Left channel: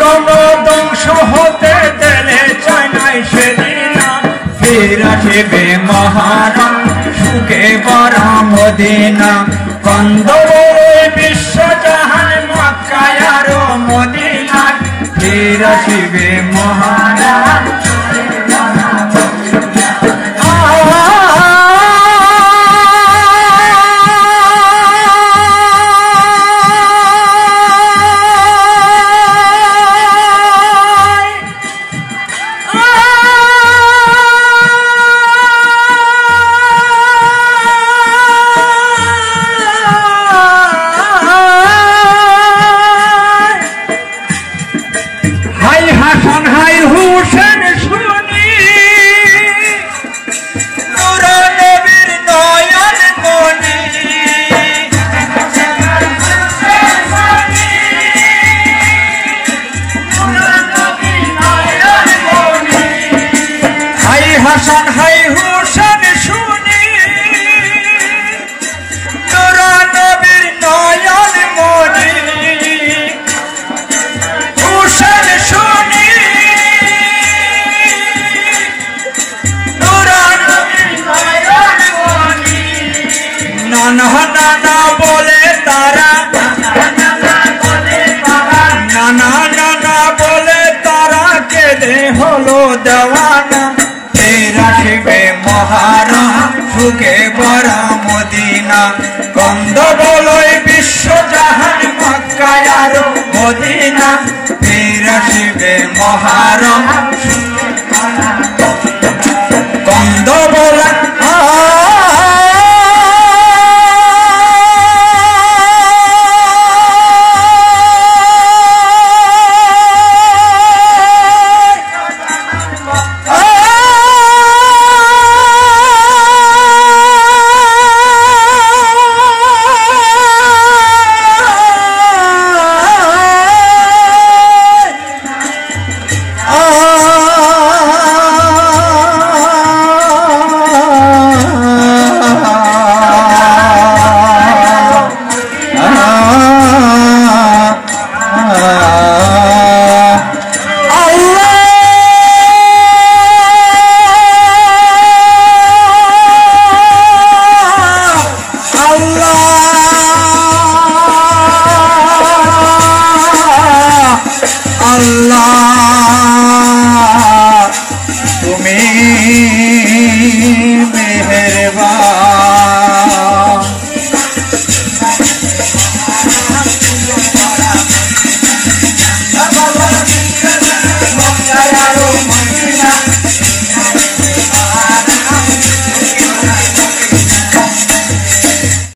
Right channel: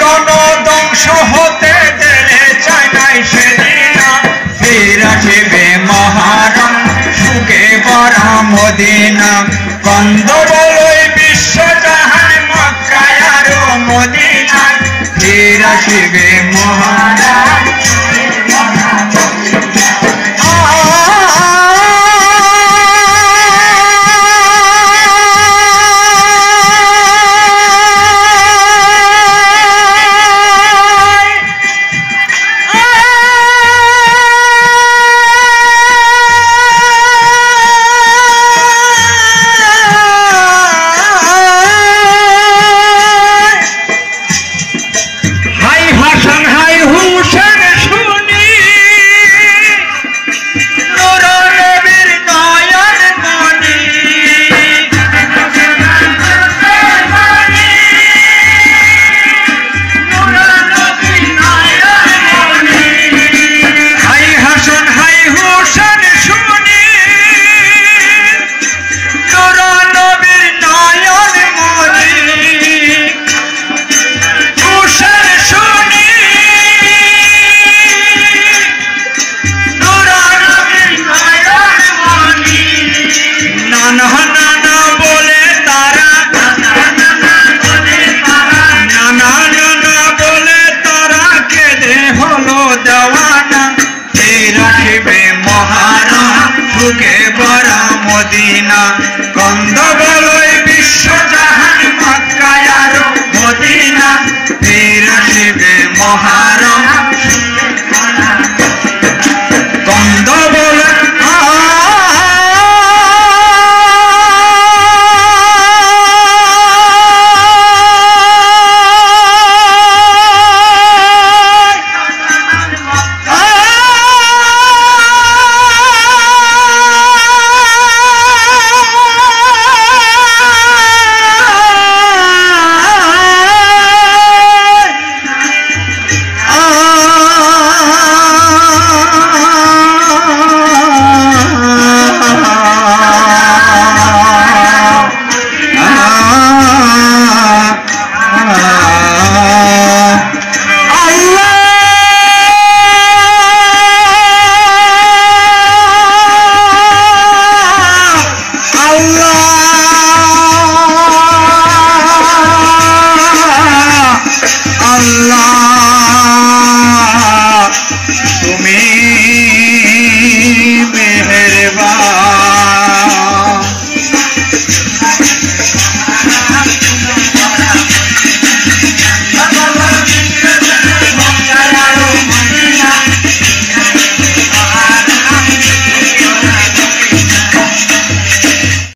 গণধ্বংস হতে দিলে চায় নাই সেদিন ফির আসিবে মহারণ সুখে ভরা মদিনা কন্দ বলই বিশ্ব জাহান মক্কায় আর মদিনা ফির আসিবে মহারণ সুখে ভরা মদিনা কন্দ বলই বিশ্ব জাহান মক্কায় আর মদিনা ফির আসিবে মহারণ কন্দ বলই Allah